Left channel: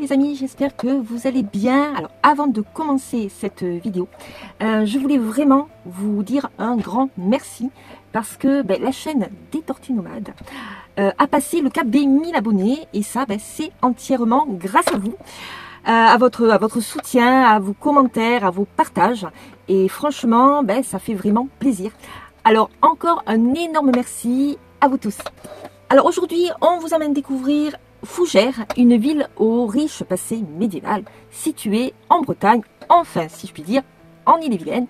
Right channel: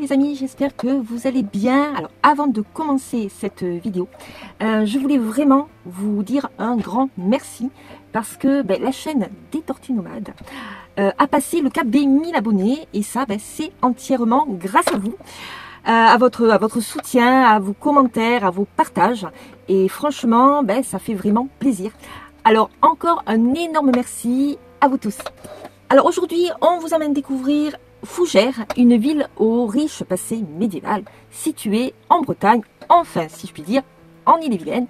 les amis, j'espère que vous allez bien. Alors avant de commencer cette vidéo, je voulais vraiment vous dire un grand merci parce que la chaîne des Tortues Nomades a passé le cap des 1000 abonnés et ça c'est entièrement grâce à vous, à votre soutien, à vos commentaires, à vos partages et franchement ça fait vraiment plaisir. Alors encore un énorme merci à vous tous. Alors aujourd'hui on vous amène découvrir Fougères, une ville au riche passé médiéval, située en Bretagne, enfin si je puis dire, en Ille-et-Vilaine.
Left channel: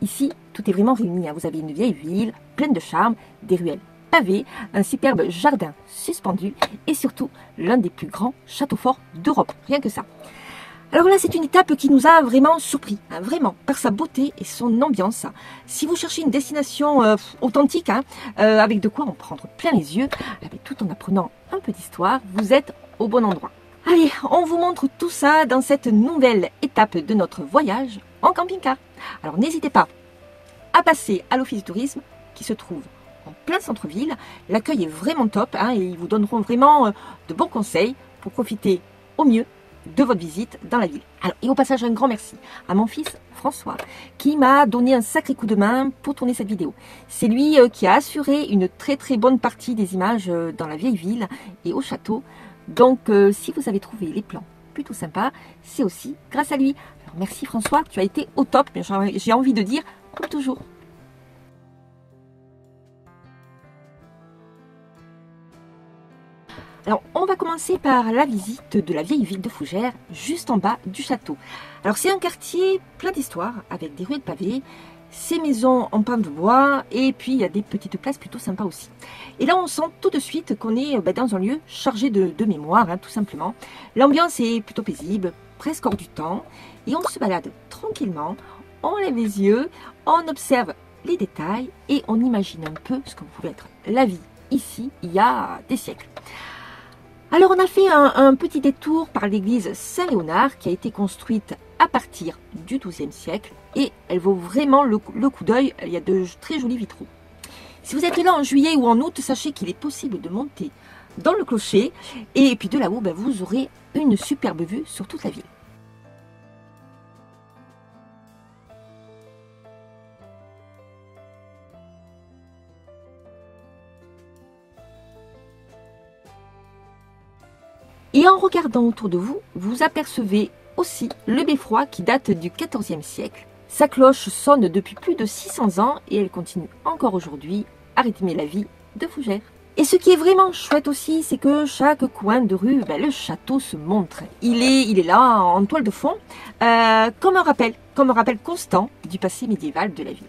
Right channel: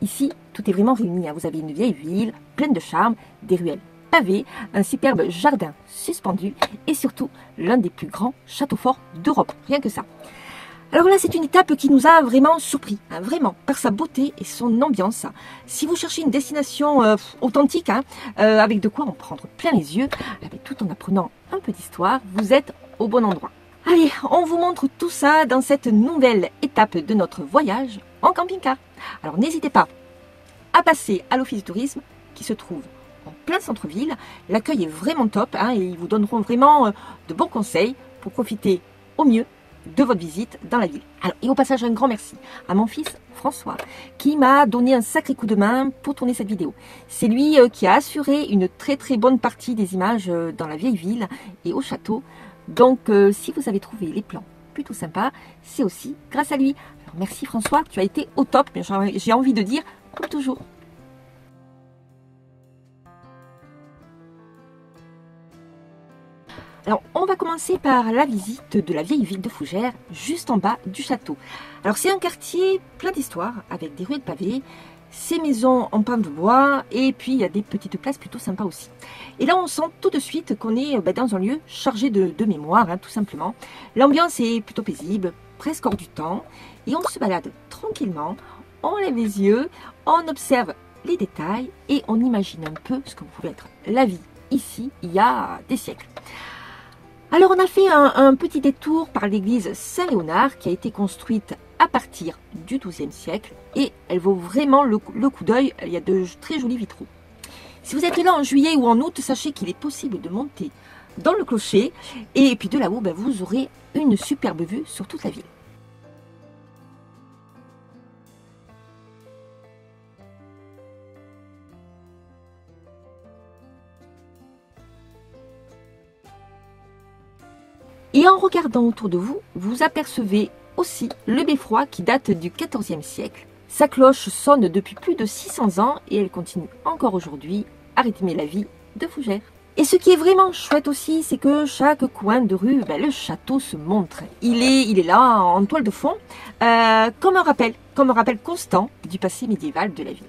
Ici, tout est vraiment réuni. Vous avez une vieille ville pleine de charme, des ruelles pavées, un superbe jardin suspendu et surtout l'un des plus grands châteaux forts d'Europe. Rien que ça. Alors là, c'est une étape qui nous a vraiment surpris, vraiment, par sa beauté et son ambiance. Si vous cherchez une destination authentique, avec de quoi en prendre plein les yeux, tout en apprenant un peu d'histoire, vous êtes au bon endroit. Allez, on vous montre tout ça dans cette nouvelle étape de notre voyage en camping-car. Alors n'hésitez pas à passer à l'office du tourisme qui se trouve en plein centre-ville. L'accueil est vraiment top et ils vous donneront vraiment de bons conseils pour profiter au mieux de votre visite dans la ville. Alors, et au passage, un grand merci à mon fils François qui m'a donné un sacré coup de main pour tourner cette vidéo. C'est lui qui a assuré une très bonne partie des images dans la vieille ville et au château. Donc, si vous avez trouvé les plans plutôt sympas, c'est aussi grâce à lui. Alors, merci François, tu as été au top, mais j'ai envie de dire comme toujours. Alors, on va commencer par la visite de la vieille ville de Fougères, juste en bas du château. Alors, c'est un quartier plein d'histoire, avec des ruelles pavées, ces maisons en pin de bois, et puis il y a des petites places plutôt sympas aussi. Et là, on sent tout de suite qu'on est dans un lieu chargé de mémoire, tout simplement. L'ambiance est plutôt paisible, presque hors du temps, et on se balade tranquillement, on lève les yeux, on observe les détails, et on imagine un peu ce que pouvait être la vie ici, il y a des siècles. Alors on a fait un petit détour par l'église Saint-Léonard qui a été construite à partir du XIIe siècle et elle vaut vraiment le coup d'œil, il y a de très jolis vitraux. Si vous êtes là en juillet ou en août, sachez qu'il est possible de monter dans le clocher et puis de là-haut vous aurez une superbe vue sur toute la ville. Et en regardant autour de vous, vous apercevez aussi le beffroi qui date du XIVe siècle. Sa cloche sonne depuis plus de 600 ans et elle continue encore aujourd'hui à rythmer la vie de Fougères. Et ce qui est vraiment chouette aussi, c'est que chaque coin de rue, le château se montre. Il est là en toile de fond, comme un rappel constant du passé médiéval de la ville.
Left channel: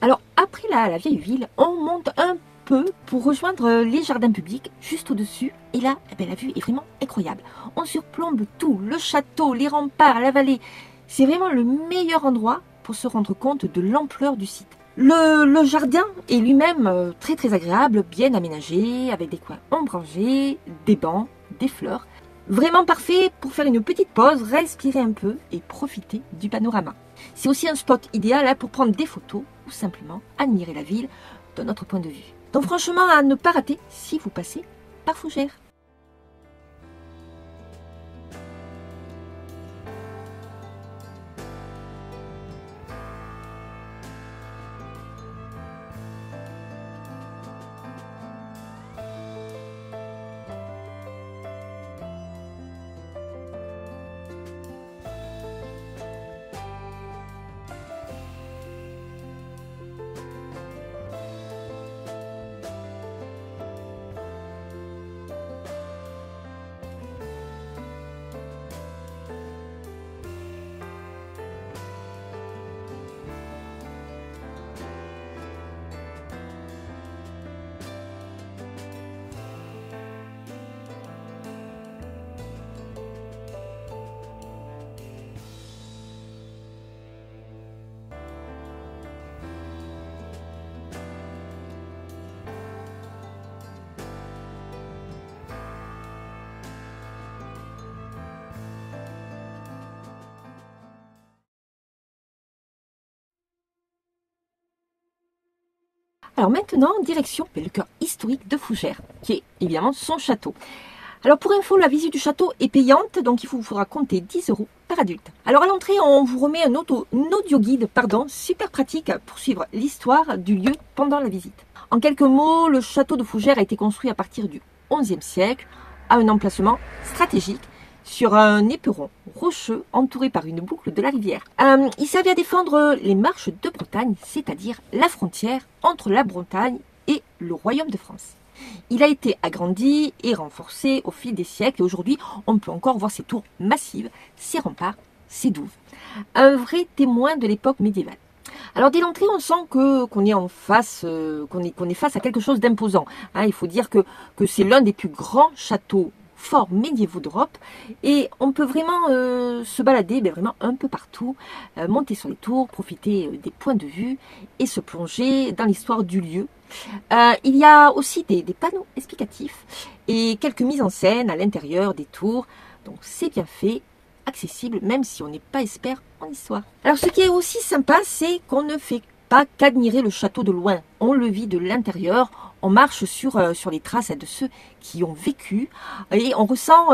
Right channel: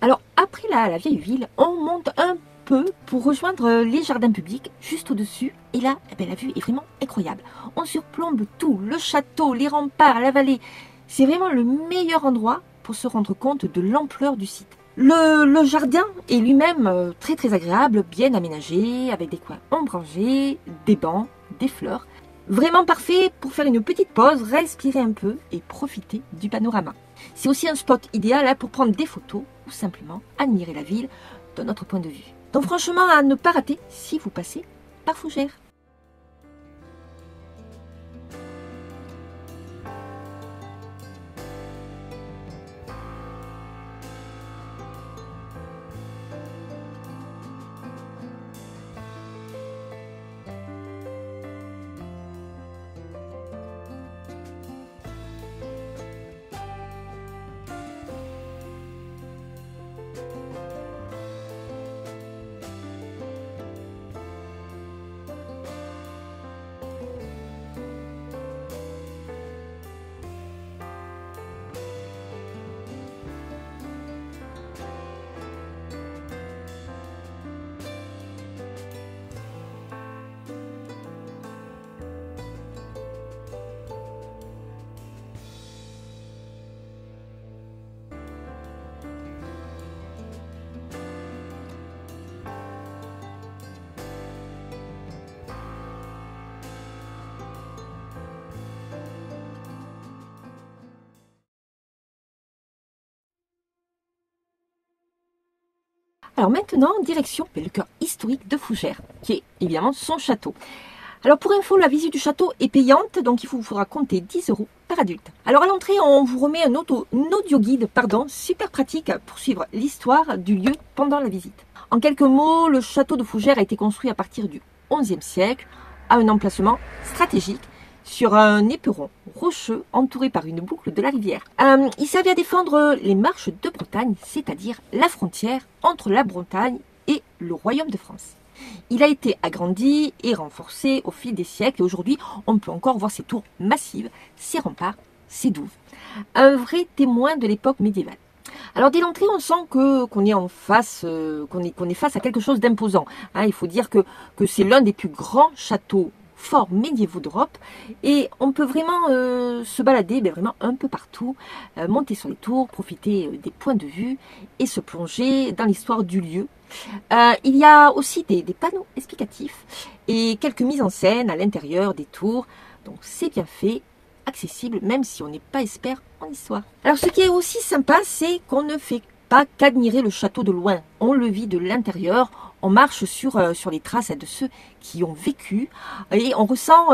Alors, après la vieille ville, on monte un peu pour rejoindre les jardins publics juste au-dessus. Et là, la vue est vraiment incroyable. On surplombe tout, le château, les remparts, la vallée. C'est vraiment le meilleur endroit pour se rendre compte de l'ampleur du site. Le jardin est lui-même très agréable, bien aménagé, avec des coins ombragés, des bancs, des fleurs. Vraiment parfait pour faire une petite pause, respirer un peu et profiter du panorama. C'est aussi un spot idéal pour prendre des photos ou simplement admirer la ville d'un autre point de vue. Donc franchement, à ne pas rater si vous passez par Fougères. Alors maintenant, direction le cœur historique de Fougères, qui est évidemment son château. Alors pour info, la visite du château est payante, donc il vous faudra compter 10 € par adulte. Alors à l'entrée, on vous remet un audio guide, super pratique pour suivre l'histoire du lieu pendant la visite. En quelques mots, le château de Fougères a été construit à partir du XIe siècle, à un emplacement stratégique, sur un éperon rocheux entouré par une boucle de la rivière. Il servait à défendre les marches de Bretagne, c'est-à-dire la frontière entre la Bretagne et le Royaume de France. Il a été agrandi et renforcé au fil des siècles et aujourd'hui, on peut encore voir ses tours massives, ses remparts, ses douves. Un vrai témoin de l'époque médiévale. Alors dès l'entrée, on sent qu'on est face à quelque chose d'imposant. Il faut dire que c'est l'un des plus grands châteaux forts médiévaux d'Europe et on peut vraiment se balader vraiment un peu partout, monter sur les tours, profiter des points de vue et se plonger dans l'histoire du lieu. Il y a aussi des panneaux explicatifs et quelques mises en scène à l'intérieur des tours, donc c'est bien fait, accessible même si on n'est pas expert en histoire. Alors ce qui est aussi sympa, c'est qu'on ne fait pas qu'admirer le château de loin, on le vit de l'intérieur, on marche sur les traces de ceux qui ont vécu et on ressent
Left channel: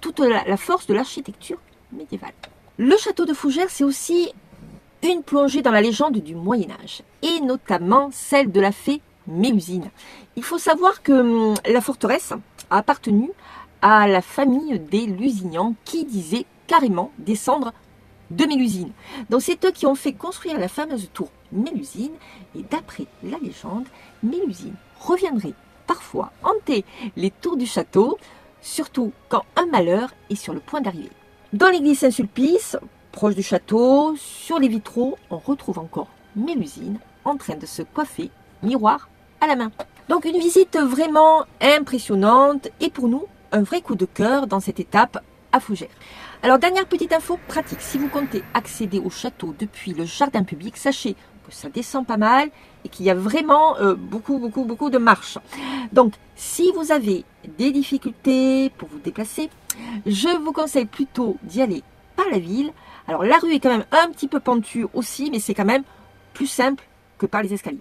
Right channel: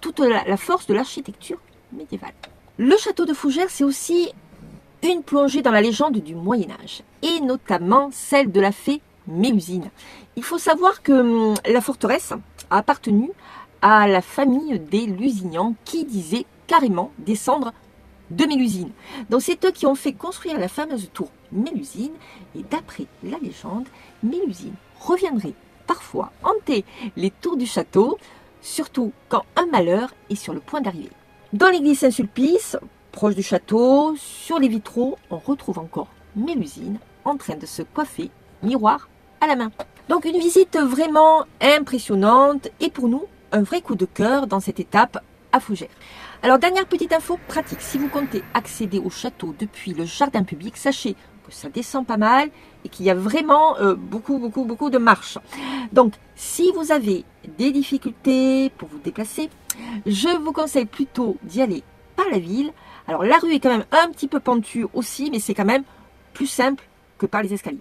toute la force de l'architecture médiévale. Le château de Fougères, c'est aussi une plongée dans la légende du Moyen-Âge, et notamment celle de la fée Mélusine. Il faut savoir que la forteresse a appartenu à la famille des Lusignans qui disaient carrément descendre de Mélusine. Donc c'est eux qui ont fait construire la fameuse tour Mélusine, et d'après la légende, Mélusine reviendrait parfois hanter les tours du château, surtout quand un malheur est sur le point d'arriver. Dans l'église Saint-Sulpice, proche du château, sur les vitraux, on retrouve encore Mélusine en train de se coiffer, miroir à la main. Donc une visite vraiment impressionnante et pour nous, un vrai coup de cœur dans cette étape à Fougères. Alors dernière petite info pratique, si vous comptez accéder au château depuis le jardin public, sachez que ça descend pas mal et qu'il y a vraiment beaucoup de marches. Donc si vous avez des difficultés pour vous déplacer, je vous conseille plutôt d'y aller par la ville. Alors la rue est quand même un petit peu pentue aussi, mais c'est quand même plus simple que par les escaliers.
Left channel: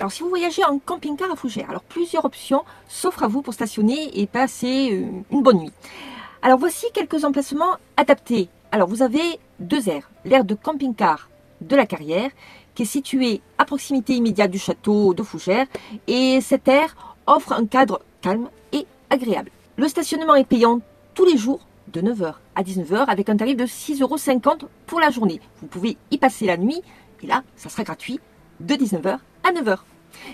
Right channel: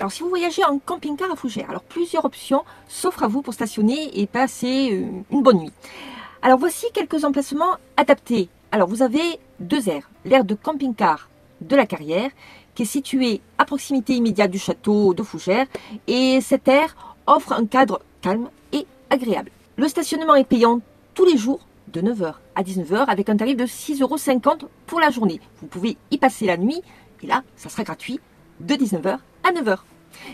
Alors si vous voyagez en camping-car à Fougères, alors plusieurs options s'offrent à vous pour stationner et passer une bonne nuit. Alors voici quelques emplacements adaptés. Alors vous avez deux aires, l'aire de camping-car de la Carrière, qui est située à proximité immédiate du château de Fougères, et cette aire offre un cadre calme et agréable. Le stationnement est payant tous les jours de 9 h à 19 h avec un tarif de 6,50 € pour la journée. Vous pouvez y passer la nuit et là, ça sera gratuit de 19 h à 9 h.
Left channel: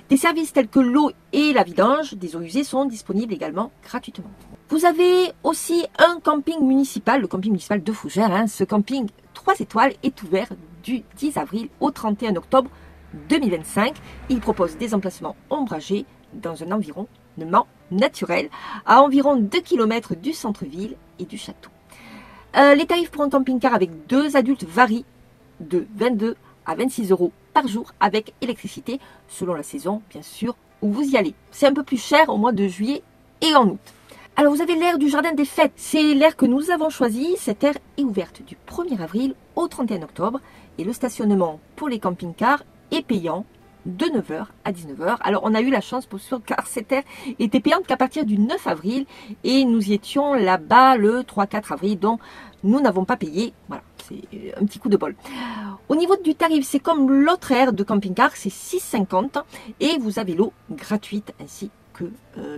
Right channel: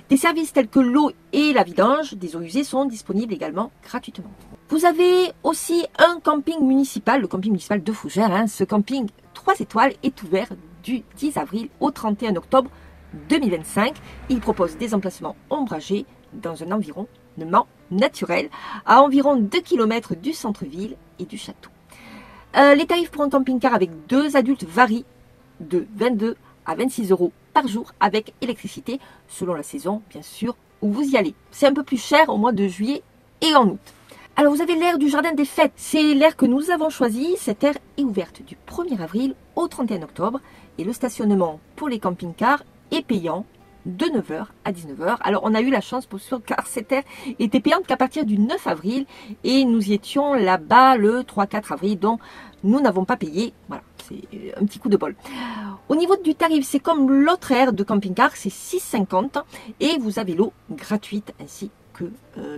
Des services tels que l'eau et la vidange des eaux usées sont disponibles également gratuitement. Vous avez aussi un camping municipal, le camping municipal de Fougères. Ce camping 3 étoiles est ouvert du 10 avril au 31 octobre 2025. Il propose des emplacements ombragés dans un environnement naturel à environ 2 km du centre-ville et du château. Les tarifs pour un camping-car avec 2 adultes varient de 22 à 26 € par jour avec électricité, selon la saison bien sûr où vous y allez. C'est un peu plus cher au mois de juillet et en août. Alors vous avez l'aire du jardin des fêtes, c'est l'aire que nous avons choisie. Cette aire est ouverte du 1er avril au 31 octobre et le stationnement pour les camping-cars est payant de 9 h à 19 h. Alors on a eu la chance pour sûr car cette aire était payante qu'à partir du 9 avril et nous y étions là-bas le 3-4 avril, donc nous n'avons pas payé. Voilà, c'est un petit coup de bol. Au niveau du tarif, c'est comme l'autre aire de camping-car, c'est 6,50 € et vous avez l'eau gratuite ainsi que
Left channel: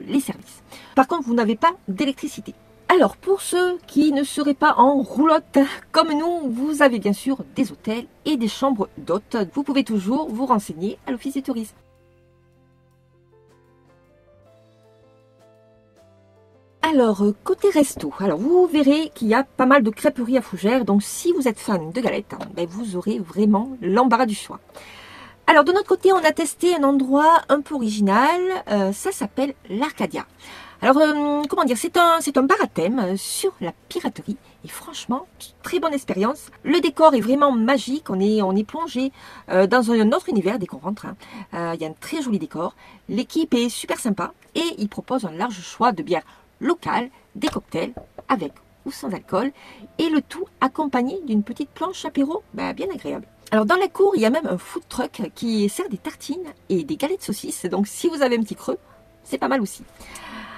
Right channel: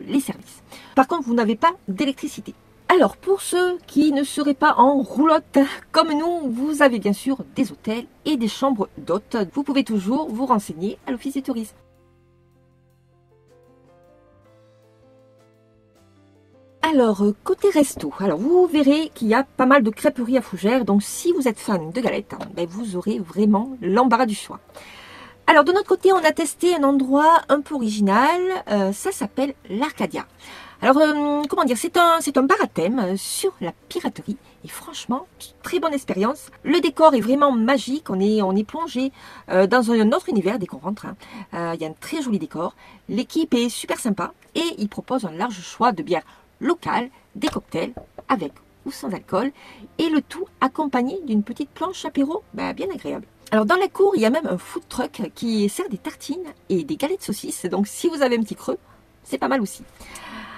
les services. Par contre, vous n'avez pas d'électricité. Alors, pour ceux qui ne seraient pas en roulotte comme nous, vous avez bien sûr des hôtels et des chambres d'hôtes. Vous pouvez toujours vous renseigner à l'Office du tourisme. Alors, côté resto, alors vous verrez qu'il y a pas mal de crêperies à Fougères. Donc, si vous êtes fan de galettes, vous aurez vraiment l'embarras du choix. Alors, de notre côté, on a testé un endroit un peu original. Ça s'appelle l'Arcadia. Alors, comment dire, c'est un bar à thème sur la piraterie. Et franchement, très bonne expérience. Le décor est vraiment magique. On est plongé dans un autre univers dès qu'on rentre. Il y a un très joli décor. L'équipe est super sympa. Et il propose un large choix de bières locales, des cocktails avec ou sans alcool. Et le tout accompagné d'une petite planche apéro bien agréable. Alors dans la cour, il y a même un food truck qui sert des tartines et des galettes saucisses. Donc si vous avez un petit creux, c'est pas mal aussi.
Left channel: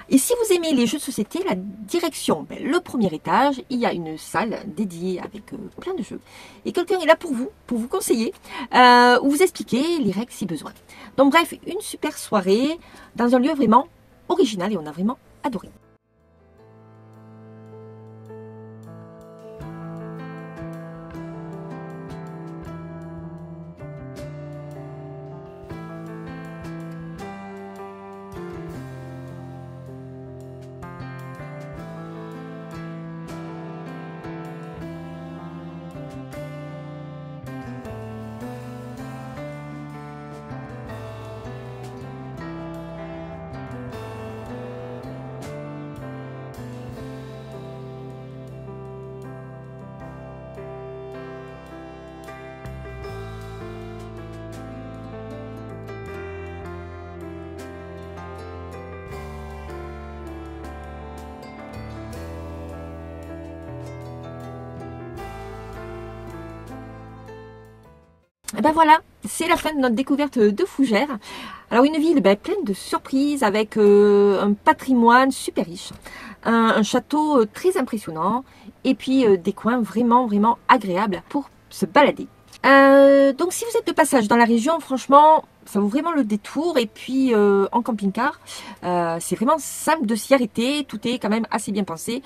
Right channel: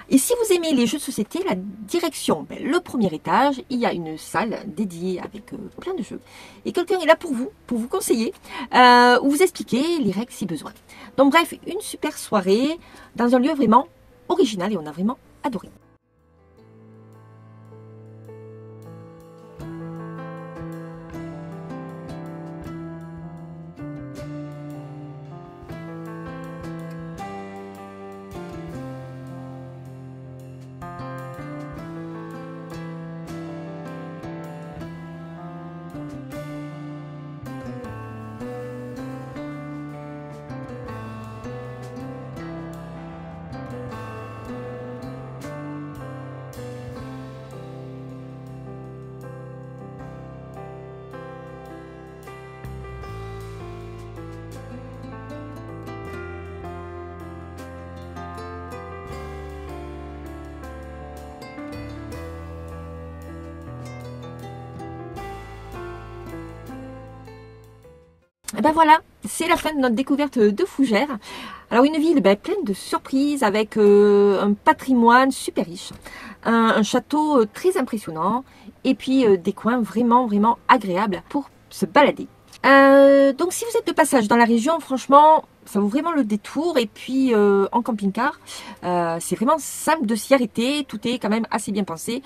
Et si vous aimez les jeux de société, la direction, le premier étage, il y a une salle dédiée avec plein de jeux. Et quelqu'un est là pour vous conseiller, ou vous expliquer les règles si besoin. Donc bref, une super soirée dans un lieu vraiment original et on a vraiment adoré. Et ben voilà, c'est la fin de notre découverte de Fougères. Alors une ville pleine de surprises avec un patrimoine super riche, un château très impressionnant et puis des coins vraiment agréables pour se balader. Donc si vous êtes de passage dans la région, franchement, ça vaut vraiment le détour. Et puis en camping-car, c'est vraiment simple de s'y arrêter, tout est quand même assez bien pensé.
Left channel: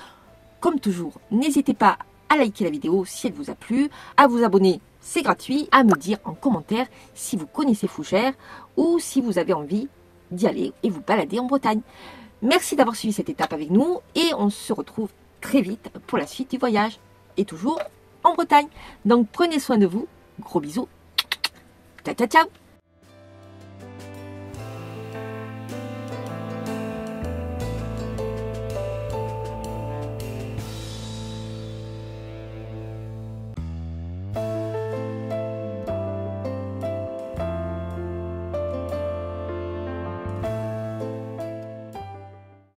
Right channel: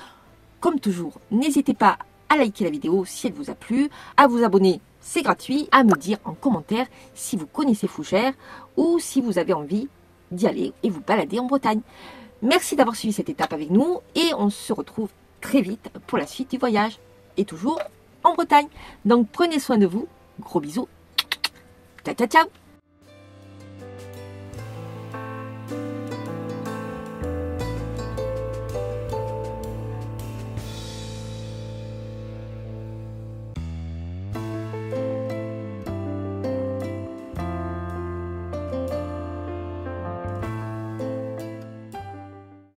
Comme toujours, n'hésitez pas à liker la vidéo si elle vous a plu, à vous abonner, c'est gratuit, à me dire en commentaire si vous connaissez Fougères ou si vous avez envie d'y aller et vous balader en Bretagne. Merci d'avoir suivi cette étape avec nous et on se retrouve très vite pour la suite du voyage et toujours en Bretagne. Donc prenez soin de vous, gros bisous, ciao ciao ciao.